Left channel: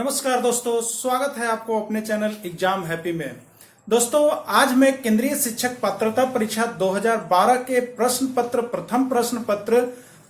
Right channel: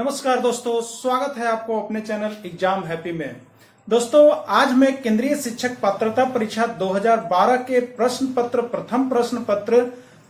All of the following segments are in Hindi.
नमस्कार दोस्तों, स्वागत है आपको अपने चैनल एग्जाम हैप्पी में। दोस्तों, आज मैं केंद्रीय शिक्षक पात्रता परीक्षा 2012 के प्रश्न पत्र प्रथम प्रश्न पत्र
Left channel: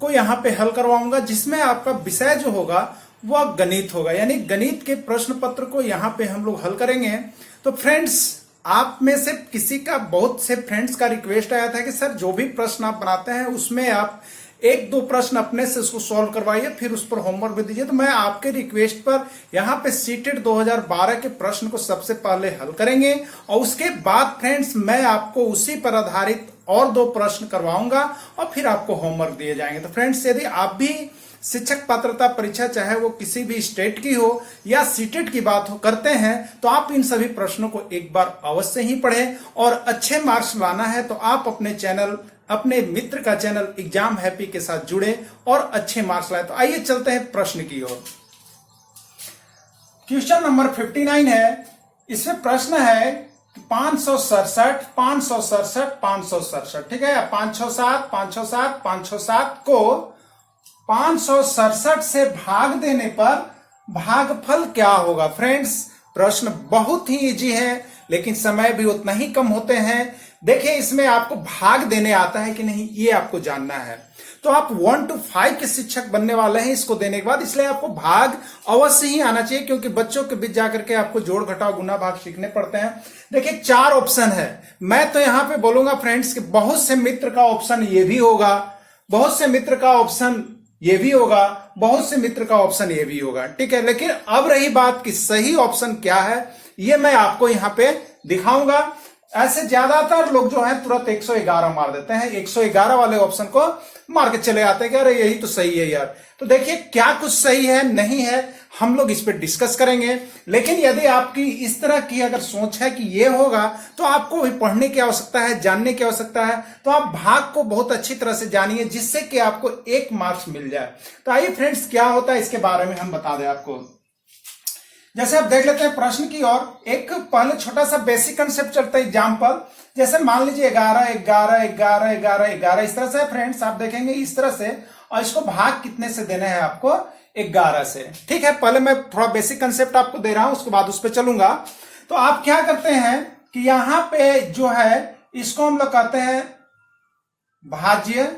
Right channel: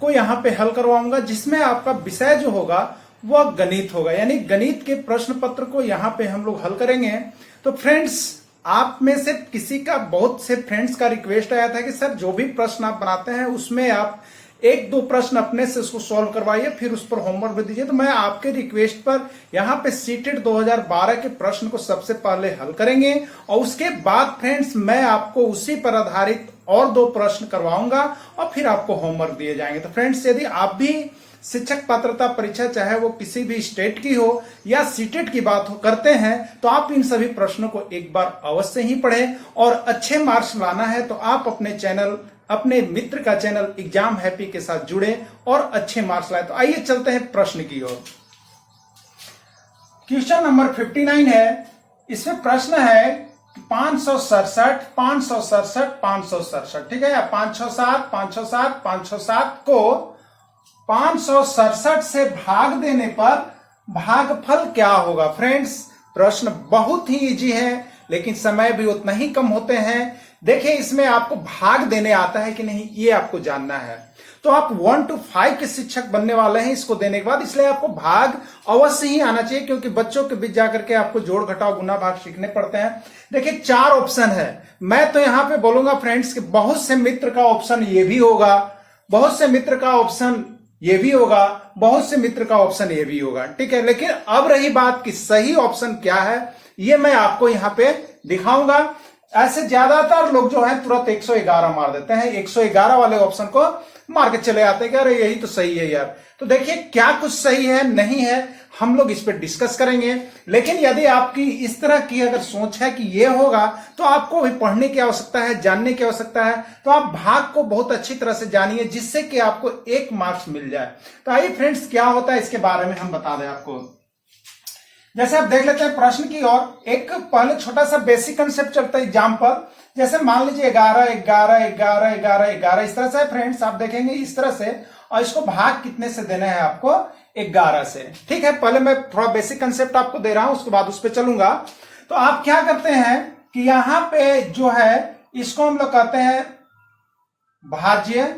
को यहाँ पे हल करवाऊंगा, जिसमें आपका विषय जो होगा वह गणित होगा। यानी गणित के प्रश्न पत्र को यहाँ पे हम लोग हल करेंगे। तो फ्रेंड्स, आप में से किसी का, बहुत से फ्रेंड्स का रिक्वेस्ट आया था कि सर जो भी प्रश्न आप बनाते हैं उसमें आप एक दो प्रश्न अपने से उसको सॉल्व करवाइए, फिर उस पर होमवर्क भी दीजिए। तो मैं आपके रिक्वेस्ट पर यहाँ पे सीटेट 2012 के प्रश्न को सबसे पहले हल करेंगे और उसके बाद फ्रेंड्स मैं आपको उसी पर आधारित और दो प्रश्न करवाऊंगा और फिर आपको होमवर्क दिए जाएंगे। तो फ्रेंड्स, यदि आप भी शिक्षक पात्रता परीक्षा, चाहे वो किसी भी स्टेट की हो या सीटेट की बात हो करते हैं, तो आप इन सभी प्रश्नों को एक बार अवश्य ही पढ़ें और अच्छे मार्क्स लाना है तो आप अपने चैनल, अपने मित्र का चैनल एग्जाम हैप्पी के साथ जुड़े और अच्छे मार्क्स लाए। तो आइए चलते हैं प्रश्न की ओर। क्वेश्चन नंबर 59 है। इसमें प्रश्न है 567 567 567, ठीक है। 567 567 567 को 567 से भाग देने पर भागफल क्या होगा। फ्रेंड्स, प्रश्न बहुत ही इजी है लेकिन समय भी उतना ही कम होते हैं। देखिए, इसमें आपको भाग देने आता है कि नहीं ये आपको जानना है। तो आप 1 to 5 के शिक्षक बनने वाले हैं इसको देने के बाद, इसलिए आपको भाग अवश्य ही आना चाहिए, क्योंकि बच्चों के बीच जाकर के आपको जोड़ घटाव गुना भाग सीखने पड़ते हैं। देखिए, 4 ऑप्शन है। मैं तो यहां पे बोलूंगा फ्रेंड्स कि बहुत से मित्र का ऑप्शन ये भी होगा, बहुत से मित्र का ऑप्शन ये भी होगा, बहुत से मित्र का ऑप्शन ये भी होगा, ठीक है। लेकिन अब रही बात कि सही ऑप्शन क्या है, ये मैं आपको यहां पे दिखाऊंगा। ऐसे ज्यादातर लोग जो है तुरंत 111 मार देते हैं, 111 वाले ऑप्शन को मार के चले आते हैं कि अरे यही तो सही है यार। तो देखिए, क्या कुछ सही है नहीं है हम लोग इस पर डिस्कस करेंगे। लेकिन यदि आपकी इस तरह की अगर सोच है कि ये होगा, तो आपको भी पढ़ने की आवश्यकता है, जानने की आवश्यकता है। तो आप भाग को बहुत अच्छी तरह से जानिए, जिससे कि आपको 1 मार्क्स मिल जाए। तो आइए फ्रेंड्स, क्या होता है इसके बारे में हम बता दें आपको। जैसे आप देख लेते हैं प्रश्न की ओर। एक पहले छोटा सा बेसिक कंसेप्ट चलता है एग्जाम्पल। जैसे मान लीजिए 11 11 11 11 11 इस तरह से फ्रेंड्स आप देखेंगे इस तरह से, और इसको भाग कितने से देना है आपको, 11 से, ठीक है। पहले मैं थोड़ा बेसिक कंसेप्ट आपको दे रहा हूं, उसके बाद उस पर चलूंगा। तो आप क्या करते हैं कि यहां पे जो है इसको हम लोग कहते हैं भाज्य,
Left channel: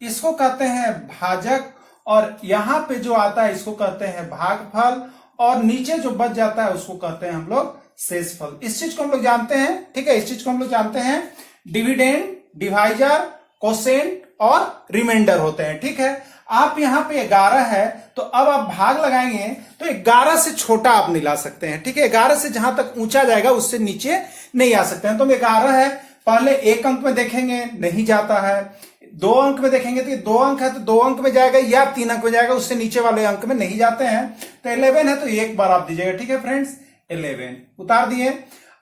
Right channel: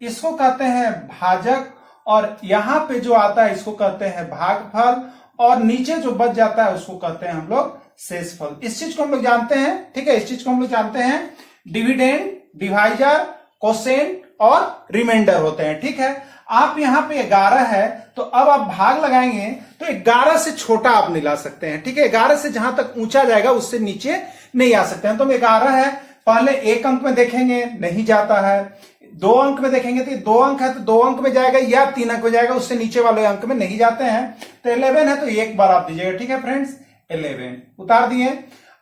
इसको कहते हैं भाजक, और यहां पे जो आता है इसको कहते हैं भागफल, और नीचे जो बच जाता है उसको कहते हैं हम लोग शेषफल। इस चीज को हम लोग जानते हैं, ठीक है। इस चीज को हम लोग जानते हैं डिविडेंड, डिवाइजर, कोसेंट और रिमाइंडर होते हैं, ठीक है। आप यहां पे 11 है तो अब आप भाग लगाएंगे तो 11 से छोटा आप नहीं ला सकते हैं, ठीक है। 11 से जहां तक ऊंचा जाएगा उससे नीचे नहीं आ सकते हैं। तो 11 है, पहले 1 अंक में देखेंगे नहीं जाता है, 2 अंक में देखेंगे तो 2 अंक है तो 2 अंक में जाएगा या 3 अंक में जाएगा, उससे नीचे वाले अंक में नहीं जाते हैं। तो 11 है तो एक बार आप दीजिएगा, ठीक है फ्रेंड्स। 11 उतार दिए।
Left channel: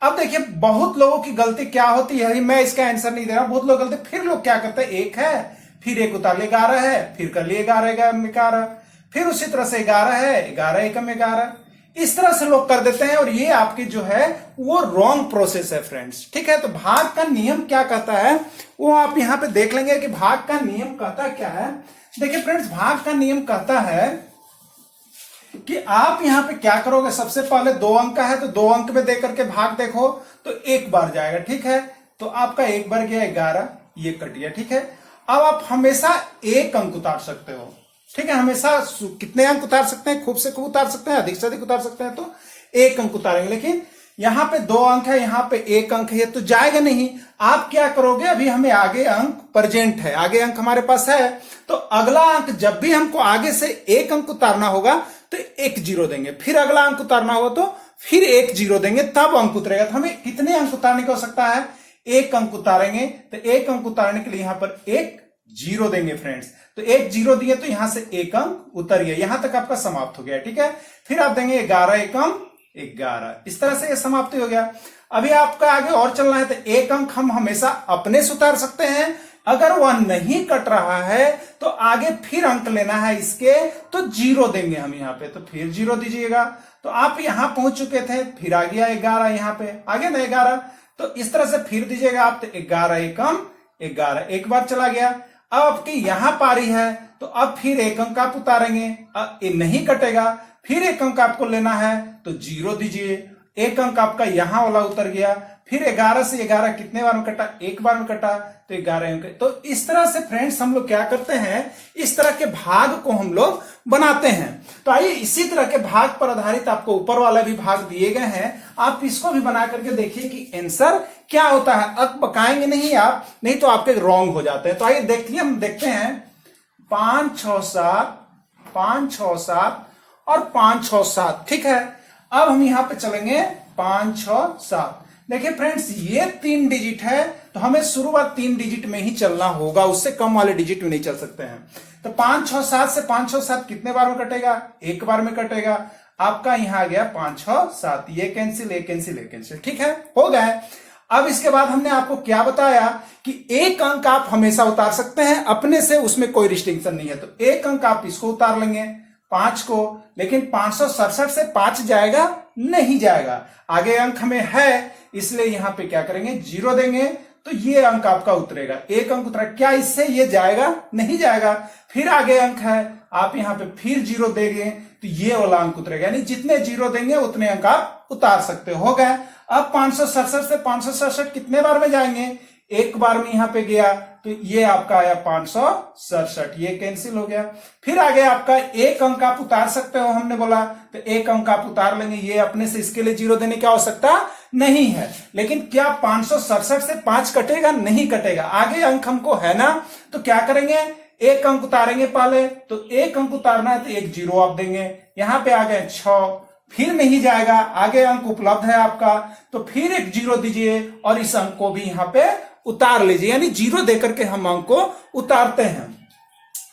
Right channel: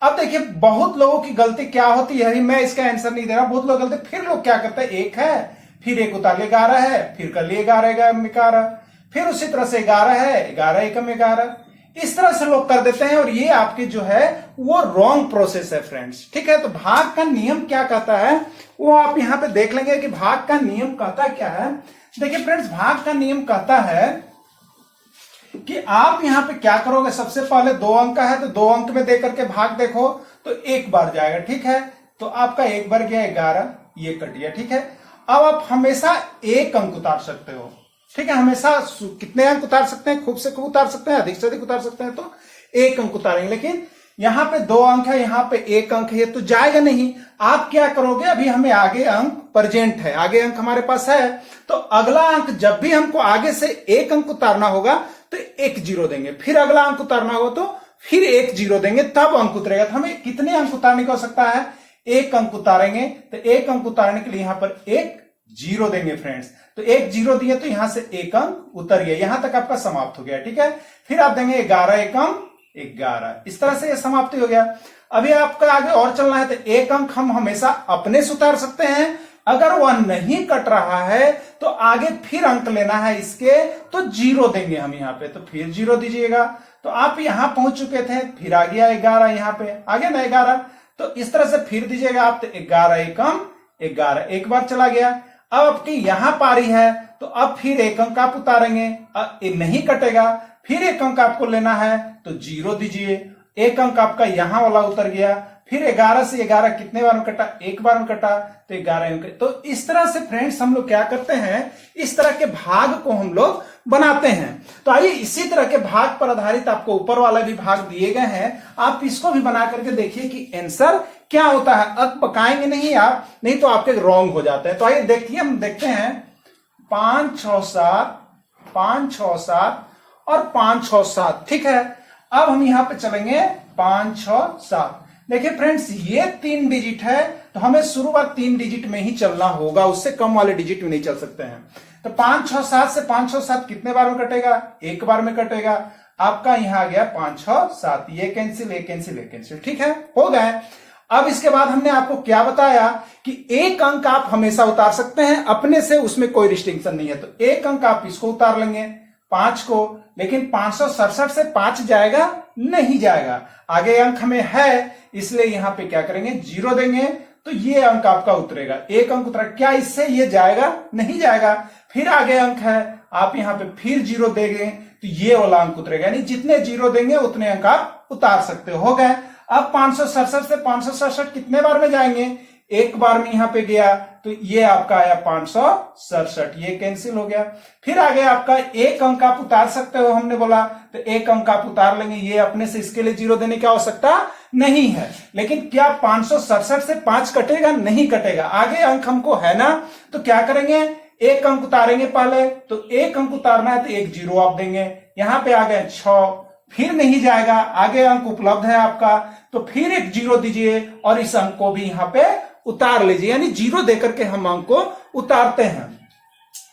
अब देखिए, बहुत लोगों की गलती क्या होती है, मैं इसका आंसर नहीं दे रहा, बहुत लोग गलती, फिर लोग क्या करते हैं, 1 है फिर 1 उतार ले, 11 है फिर कर लिए 11, फिर उसी तरह से 11 है 11 एकम 11, इस तरह से लोग कर देते हैं और ये आपकी जो है वो रॉन्ग प्रोसेस है फ्रेंड्स, ठीक है। तो भाग का नियम क्या कहता है वो आप यहां पे देख लेंगे कि भाग का नियम कहता क्या है। देखिए फ्रेंड्स, भाग का नियम कहता है कि आप यहां पे क्या करोगे, सबसे पहले 2 अंक का है तो 2 अंक में देकर के भाग देखो तो 1 बार जाएगा, ठीक है। तो आपका 1 बार गया 11, ये कट गया, ठीक है। अब आप हमेशा 1 अंक उतार सकते हो, ठीक है। हमेशा कितने अंक उतार सकते हैं, खूब से खूब उतार सकते हैं, अधिक से अधिक उतार सकते हैं, तो 1 अंक उतारेंगे। लेकिन यहां पे 2 अंक है, यहां पे 1 अंक है, तो जाएगा नहीं। आप क्या करोगे, अभी हमें आगे अंक प्रेजेंट है, आगे अंक हमारे पास है, तो अगला अंक जब भी हमको आगे से 1 अंक उतारना होगा तो 1 0 देंगे, फिर अगला अंक उतारना होगा तो फिर 1 0 देंगे, तब अंक उतरेगा। तो हमें कितने अंक उतारने की आवश्यकता है, 1 अंक उतारेंगे। तो 1 अंक उतारने के लिए यहां पर 1 0 देंगे फ्रेंड्स। तो 1 0 दिए तो यहां से 1 अंक उतर गया, यहां तक आपका समाप्त हो गया, ठीक है। फिर आप देंगे 11 एकम 11, इस तरह से ये समाप्ति हो गया। अभी आपका आगे और चलना है तो 1 अंक हम हमेशा अपने से उतार सकते हैं, अगर वह नहीं कट रहा है तो आगे फिर अंक लेना है इसके, तो 0 देंगे हम यहाँ पे, तो फिर 0 दीजिएगा। तो आप यहां पहुंच चुके थे, फिर आ गया 11, यहां पे आ गया ना 11, तो इस तरह से फिर दीजिएगा आप, तो 11 एकम 11, एक बार चला गया। अब आपकी यहां पारी है तो अब फिर 1 अंक आप उतारेंगे, अब ये नहीं कटेगा फिर एक अंक आपको लेना है तो 0 दीजिए, एक अंक आपका यहां वाला उतर गया, फिर 11 से 11 कितने बार में कटा, एक बार में कटा, तो 11 अंक। तो इस तरह से फ्रेंड्स हम लोग क्या करते हैं, इस तरह के भाग को हम लोग बनाते हैं। तो आइए इसी तरह के भाग पर आधारित आपको ऊपर वाला भी भाग दिए गए हैं, आप इसको भी बना करके देखिए कि आंसर क्या होता है। अब बकाएंगे नहीं आप, नहीं तो आपके रॉन्ग हो जाते हैं। तो आइए देखिए, हम देखते हैं 5 6 7, 5 6 7 और 5 6 7, ठीक है। अब हम यहां पे चलेंगे 5 6 7। देखिए फ्रेंड्स, ये 3 डिजिट है तो हमें शुरुआत 3 डिजिट में ही चलना होगा, उससे कम वाले डिजिट में नहीं चल सकते हैं। तो 5 6 7 से 5 6 7 कितने बार में कटेगा, एक बार में कटेगा। आपका यहां आ गया 5 6 7, ये कैंसिल, ये कैंसिल, ये कैंसिल, ठीक है, हो गए। अब इसके बाद हमने आपको क्या बताया कि एक अंक आप हमेशा उतार सकते हैं अपने से, उसमें कोई रिस्ट्रिक्शन नहीं है। तो एक अंक आप इसको उतार लेंगे 5 को, लेकिन 567 से 5 जाएगा नहीं जाएगा, आगे अंक हमें है इसलिए यहां पे क्या करेंगे 0 देंगे, तो ये अंक आपका उतरेगा, एक अंक उतरा। क्या इससे ये जाएगा, नहीं जाएगा। फिर आगे अंक है, आप यहां पे फिर 0 देंगे तो ये वाला अंक उतरेगा, यानी जितने 0 देंगे उतने अंक आप उतार सकते हो गए। अब 567 से 567 कितने बार में जाएंगे, एक बार में यहां पे गया तो ये आपका आया 567, ये कैंसिल हो गया। फिर आगे आपका एक अंक आप उतार सकते हो, हमने बोला तो एक अंक आप उतार लेंगे, ये अपने से इसके लिए 0 देने की आवश्यकता नहीं है। लेकिन क्या 567 से 5 कटेगा, नहीं कटेगा, आगे अंक हमको है ना, तो क्या करेंगे एक अंक उतारेंगे पहले, तो एक अंक उतारना है तो एक 0 आप देंगे, यहां पे आ गए 6, फिर नहीं जाएगा, आगे अंक उपलब्ध है आपका, तो फिर एक 0 दीजिए और इस अंक को भी यहां पे उतार लीजिए, यानी 0 देकर के हम अंक को उतारते हैं।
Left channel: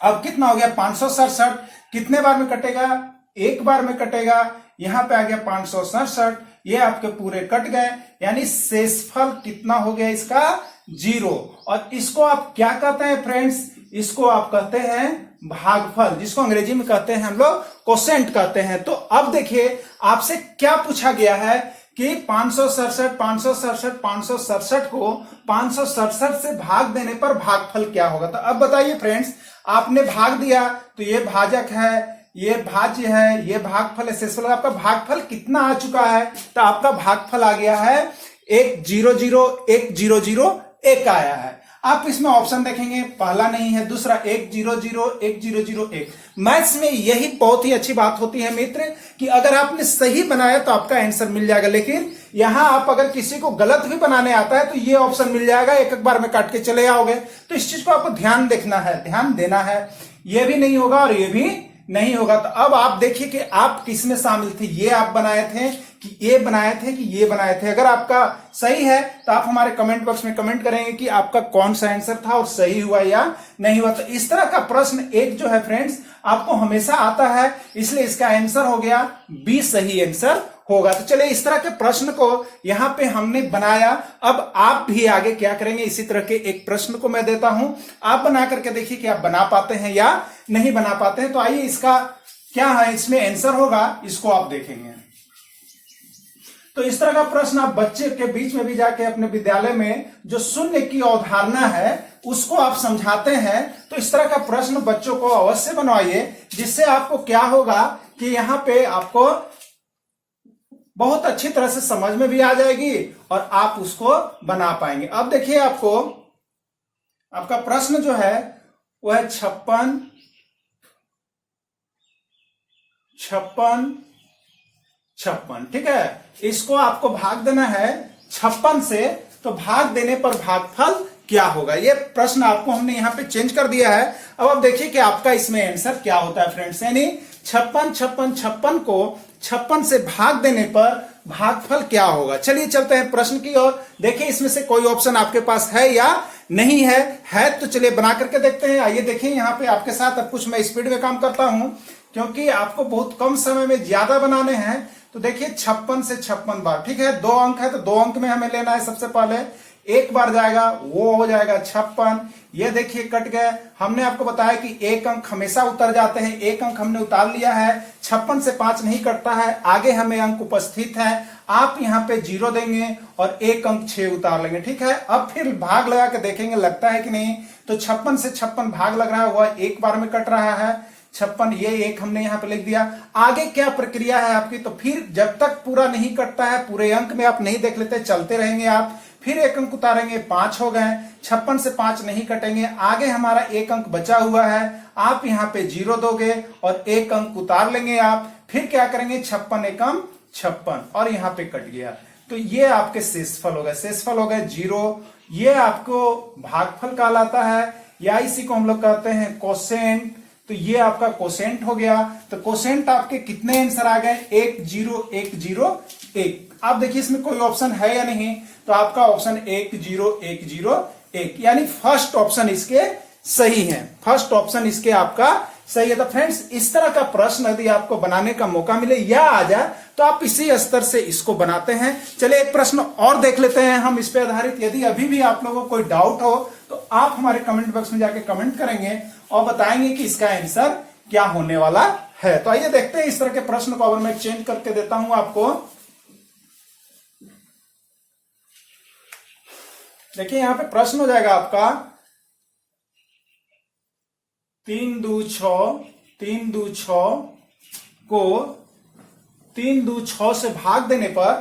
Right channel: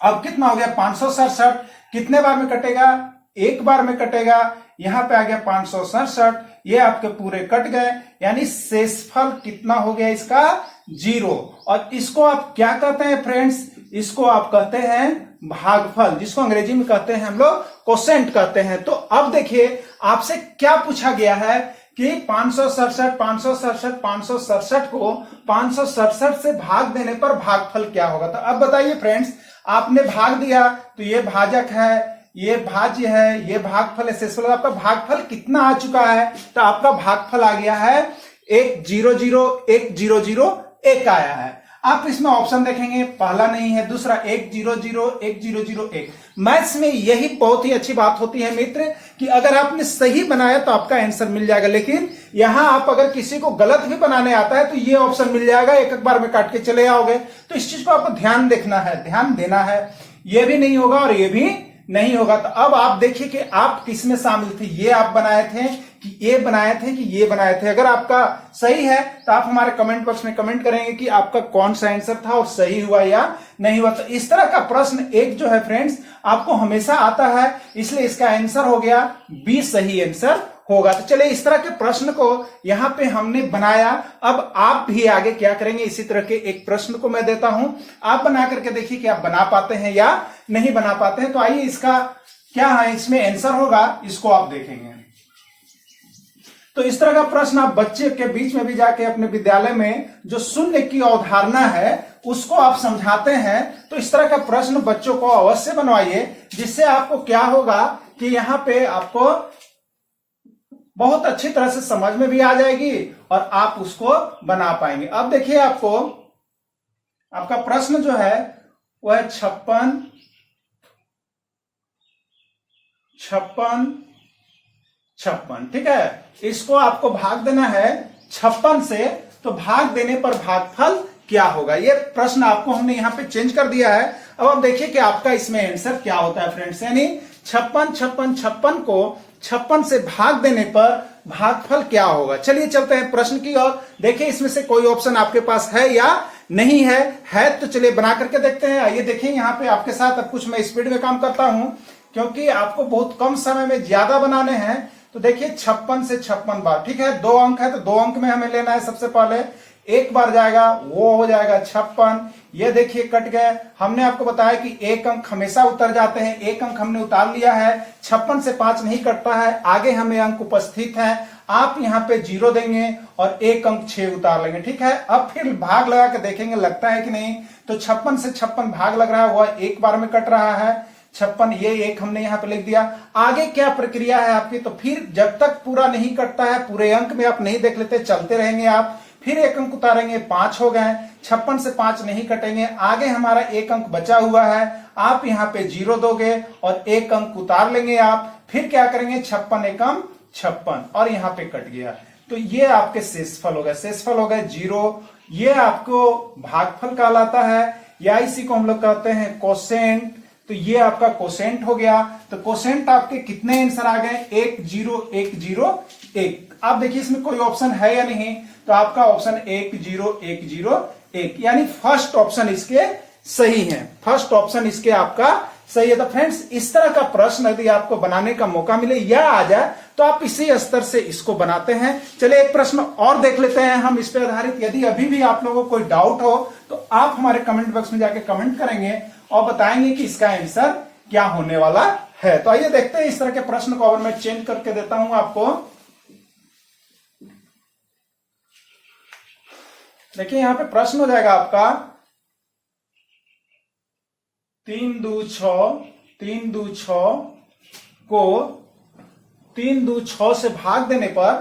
अब कितना हो गया 567, कितने बार में कटेगा, एक बार में कटेगा, यहां पे आ गया 567, ये आपके पूरे कट गए, यानी शेषफल कितना हो गया इसका 0। और इसको आप क्या कहते हैं फ्रेंड्स, इसको आप कहते हैं भागफल, जिसको अंग्रेजी में कहते हैं हम लोग कोसेंट कहते हैं। तो अब देखिए आपसे क्या पूछा गया है कि 567 को 567 से भाग देने पर भागफल क्या होगा। तो अब बताइए फ्रेंड्स, आपने भाग दिया तो ये भाजक है, ये भाज्य है, ये भागफल है, शेषफल, आपका भागफल कितना आ चुका है, तो आपका भागफल आ गया है 100,100,1 आया है। आप इसमें ऑप्शन देखेंगे, पहला नहीं है, दूसरा 100,100,1 मैथ्स में यही बहुत ही अच्छी बात होती है मित्र कि अगर आपने सही बनाया तो आपका आंसर मिल जाएगा, लेकिन यहां आप अगर किसी को गलत भी बनाने आता है तो ये ऑप्शन मिल जाएगा, एक एक बार में काट के चले आओगे। तो इस चीज को आपको ध्यान देखना है, ध्यान देना है, ये भी नहीं होगा और ये भी नहीं होगा। तो अब आप देखिए कि आप किसमें शामिल थे, ये आप बनाए थे कि ये बनाए थे कि ये बनाए थे। अगर आपका सही है तो आप हमारे कमेंट बॉक्स में कमेंट करेंगे कि आपका कौन सा आंसर था और सही हुआ या नहीं हुआ। तो इस तरह का प्रश्न एक जो है फ्रेंड्स आपको हमेशा आता है, इसलिए इसका आंसर हो गया बी, सही आंसर होगा। तो चलिए इस तरह के प्रश्न को यहां पे हमने बनाया। अब आप भी आगे क्या करेंगे, इसी तरह के एक प्रश्न को मैं देता हूं, आप बना करके देखिए कि आप बना पाते हैं या नहीं बना पाते हैं। तो आइए इसका क्या है, इसमें आंसर होगा, इसको आप देखेंगे। तो इस तरह का प्रश्न आप बच्चे के बीच में भी जाके अपने विद्यालय में जो शून्य की अवधारणा है उसको आप समझाते हैं। तो इस तरह का प्रश्न बच्चों को अवश्य बनवाइए, जिससे आपको क्या होगा कि यहां पे आपको बहुत अच्छी तरह से समझ में भी आ जाएगी और आप उसको बना पाएंगे। अब देखिए आपको आपका प्रश्न जो है वो है 56 ठीक है। इसको आपको भाग देना है 56 से, तो भाग देने पर भागफल क्या होगा। ये प्रश्न आपको हमने यहां पे चेंज कर दिया है। अब देखिए कि आपका इसमें आंसर क्या होता है फ्रेंड्स, यानी 56 को 56 से भाग देने पर भागफल क्या होगा। चलिए चलते हैं प्रश्न की ओर। देखिए इसमें से कोई ऑप्शन आपके पास है या नहीं है तो चलिए बना करके देखते हैं। आइए देखिए यहाँ पे आपके साथ अब कुछ मैं स्पीड में काम करता हूं, क्योंकि आपको बहुत कम समय में ज्यादा बनाने हैं। तो देखिए 56 से 56 बार, ठीक है, 2 अंक है तो 2 अंक में हमें लेना है। सबसे पहले एक बार जाएगा, वो हो जाएगा 56, ये देखिए कट गए। हमने आपको बताया कि एक अंक हमेशा उतर जाते हैं, एक अंक हमने उतार लिया है। 56 से 5 नहीं कटता है, आगे हमें अंक उपस्थित है। आप यहाँ पे 0 देंगे और एक अंक 6 उतार लेंगे, ठीक है। अब फिर भाग लगा के देखेंगे लगता है कि नहीं, तो 56 से 56 भाग लग रहा है, वह एक बार में कट रहा है। 56, ये एक हमने यहाँ पे लिख दिया। आगे क्या प्रक्रिया है आपकी, तो फिर जब तक पूरा नहीं कटता है, पूरे अंक में आप नहीं देख लेते, चलते रहेंगे आप, फिर एक अंक उतारेंगे, 5 हो गए, 56 से 5 नहीं कटेंगे, आगे हमारा एक अंक बचा हुआ है, आप यहाँ पे 0 दोगे और एक अंक उतार लेंगे आप, फिर क्या करेंगे 56 एकम 56 और यहाँ पे कट गया, तो ये आपके शेषफल हो गए, शेषफल हो गए 0। ये आपको भागफल कहलाता है, या इसी को हम लोग कहते हैं कोसेंट। तो ये आपका कोसेंट हो गया। तो कोसेंट आपके कितने आंसर आ गए, 1 0 1 0 1। आप देखिए इसमें कोई ऑप्शन है या नहीं, तो आपका ऑप्शन 1 0 1 0 1, यानी फर्स्ट ऑप्शन इसके सही है, फर्स्ट ऑप्शन इसके आपका सही है। तो फ्रेंड्स इस तरह का प्रश्न यदि आपको बनाने का मौका मिले या आ जाए तो आप इसी स्तर से इसको बनाते हैं। चलिए एक प्रश्न और देख लेते हैं हम इस पे आधारित। यदि अभी भी आप लोगों को कोई डाउट हो तो आप हमारे कमेंट बॉक्स में जाके कमेंट करेंगे और बताएंगे कि इसका आंसर क्या होने वाला है। तो आइए देखते हैं इस तरह के प्रश्न को। अगर मैं चेंज करके देता हूं आपको, देखिए यहां पे प्रश्न हो जाएगा आपका 3 2 6, 3 2 6 को 3 2 6 से भाग देने पर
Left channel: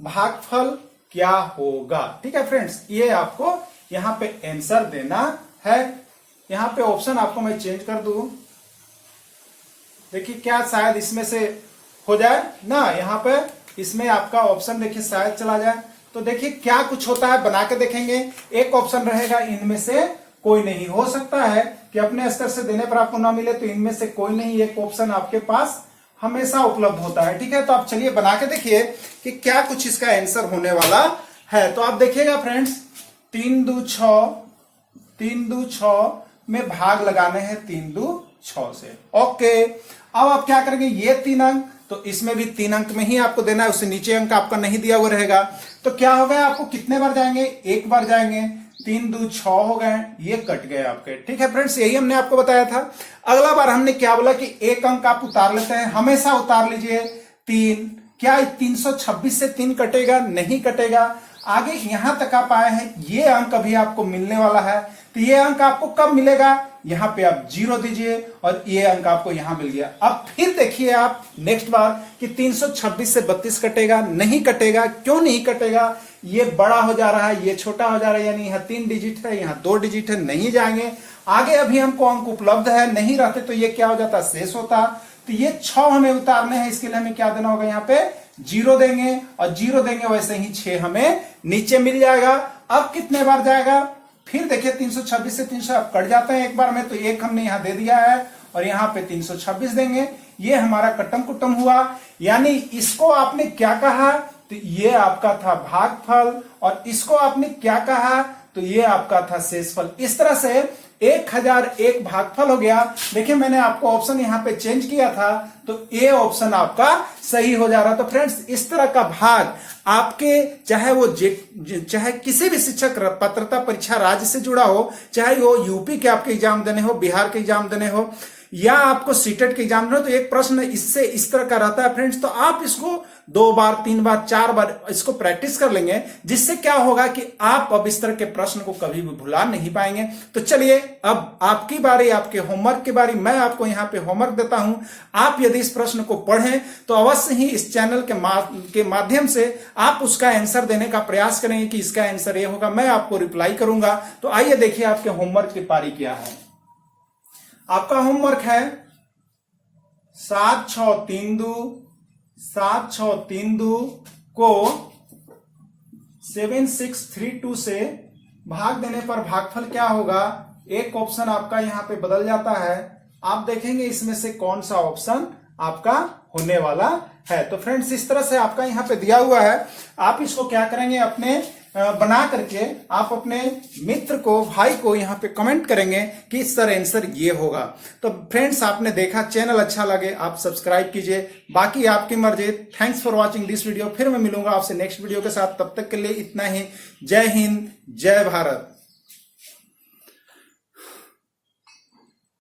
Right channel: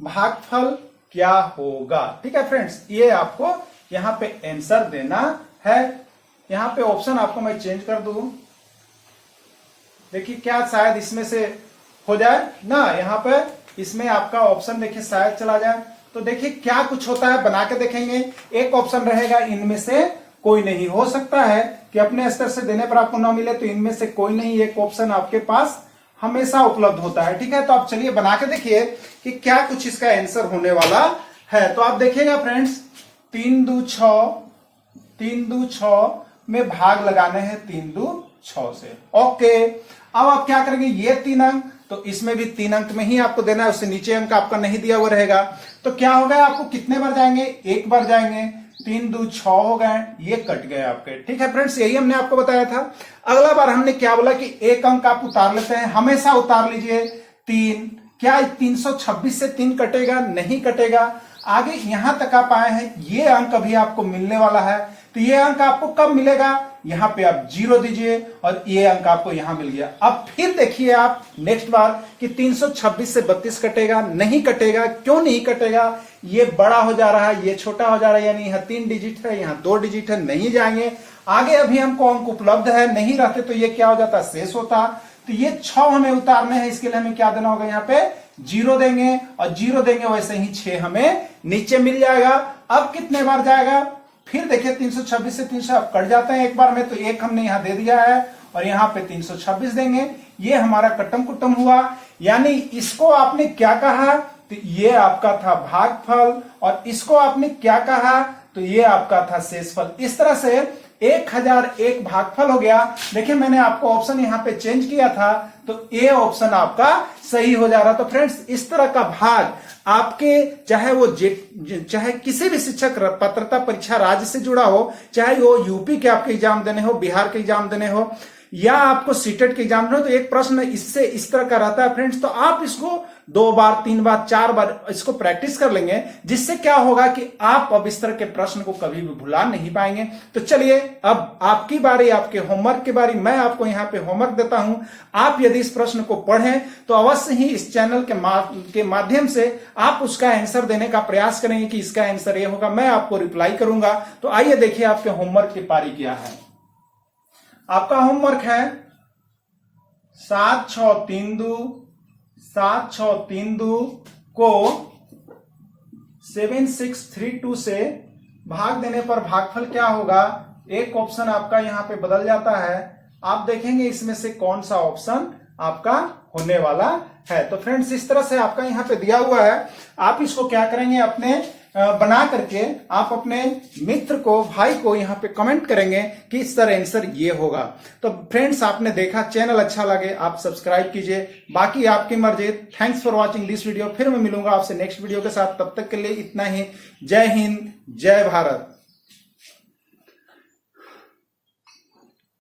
भागफल क्या होगा। ठीक है फ्रेंड्स, ये आपको यहां पे आंसर देना है। यहां पे ऑप्शन आपको मैं चेंज कर दूं, देखिए क्या शायद इसमें से हो जाए ना, यहां पे इसमें आपका ऑप्शन देखिए शायद चला जाए। तो देखिए क्या कुछ होता है, बना के देखेंगे। एक ऑप्शन रहेगा इनमें से कोई नहीं, हो सकता है कि अपने स्तर से देने पर आपको ना मिले, तो इनमें से कोई नहीं एक ऑप्शन आपके पास हमेशा उपलब्ध होता है। ठीक है, तो आप चलिए बना के देखिए कि क्या कुछ इसका आंसर होने वाला है। तो आप देखिएगा फ्रेंड्स, 3 2 6, 3 2 6 में भाग लगाने हैं 3 2 6 से। ओके, अब आप क्या करेंगे, ये 3 अंक, तो इसमें भी 3 अंक में ही आपको देना है, उससे नीचे अंक आपका नहीं दिया हुआ रहेगा। तो क्या होगा, आपको कितने बार जाएंगे, एक बार जाएंगे, 3 2 6 हो गए, ये कट गए आपके। ठीक है फ्रेंड्स, यही हमने आपको बताया था। अगला बार हमने क्या बोला कि एक अंक आप उतार लेते हैं, हमेशा उतार लीजिए 3। क्या 326 से 3 कटेगा, नहीं कटेगा। आगे यहां तक आप आए हैं, ये अंक अभी आपको मिलने वाला है, तो ये अंक आपको कब मिलेगा, यहां पे आप 0 दीजिए और ये अंक आपको यहां मिल गया। अब फिर देखिए आप नेक्स्ट बार कि 326 से 32 कटेगा, नहीं कटेगा। क्यों नहीं कटेगा, ये बड़ा हो जा रहा है, ये छोटा हो जा रहा है, यानी यहां 3 डिजिट है, यहां 2 डिजिट है, नहीं जाएंगे आगे। अभी हमको अंक उपलब्ध है, नहीं रहते तो ये क्या हो जाता, शेष होता। तो ये 6 हमें उतारने हैं, इसके लिए हमें क्या देना होगा, यहाँ पे 0 देंगे, और 0 देंगे वैसे ही 6 हमें नीचे मिल जाएगा। अब कितने बार जाएगा, फिर देखिए 326 से 300 आप कट जाते हैं एक बार में, तो एक हमने यहां दे दिया है और यहां पे 326 देंगे। ये हमारा कट्टम कुट्टम हुआ, यानी इसको आपने क्या कहा, तो ये आपका था भागफल, और इसको आपने क्या कहा, तो ये आपका था शेषफल। इस तरह से 1001 भागफल हो गया। देखिए मैंने आपको ऑप्शन यहां पे चेंज किया था, तो ये ऑप्शन आपका सही हो जा रहा। तो फ्रेंड्स इस तरह का भाग आपके चाहे किसी भी शिक्षक पात्रता परीक्षा राज्य से जुड़ा हो, चाहे वो यूपी के आपके एग्जाम देने हो, बिहार के एग्जाम देने हो, या आपको सीटेट के एग्जाम देने हो, तो एक प्रश्न इससे इस तरह का रहता है फ्रेंड्स। तो आप इसको 2 बार 3 बार 4 बार इसको प्रैक्टिस कर लेंगे, जिससे क्या होगा कि आप अब इस तरह के प्रश्न को कभी भी भुला नहीं पाएंगे। तो चलिए अब आपकी बारी, आपके होमवर्क की बारी। मैं आपको यहाँ पे होमवर्क देता हूं, आप यदि इस प्रश्न को पढ़ें तो अवश्य ही इस चैनल के माध्यम से आप उसका आंसर देने का प्रयास करेंगे कि इसका आंसर ये होगा, मैं आपको रिप्लाई करूंगा। तो आइए देखिए आपके होमवर्क की पारी क्या है। आपका होमवर्क है 7 6 3 2 7 6 3 2 को 7 6 3 2 से भाग देने पर भागफल क्या होगा। एक ऑप्शन आपका यहां पे बदल जाता है, आप देखेंगे इसमें से कौन सा ऑप्शन आपका होने वाला है। तो फ्रेंड्स इस तरह से आपका यहां पे दिया हुआ है, आप इसको क्या करेंगे, अपने बना करके आप अपने मित्र को, भाई को यहाँ पे कमेंट करेंगे कि सर आंसर ये होगा। तो फ्रेंड्स आपने देखा, चैनल अच्छा लगे आप सब्सक्राइब कीजिए, बाकी आपकी मर्जी। Thanks for watching this video. फिर मैं मिलूंगा आपसे नेक्स्ट वीडियो के साथ, तब तक के लिए इतना ही। जय हिंद, जय भारत।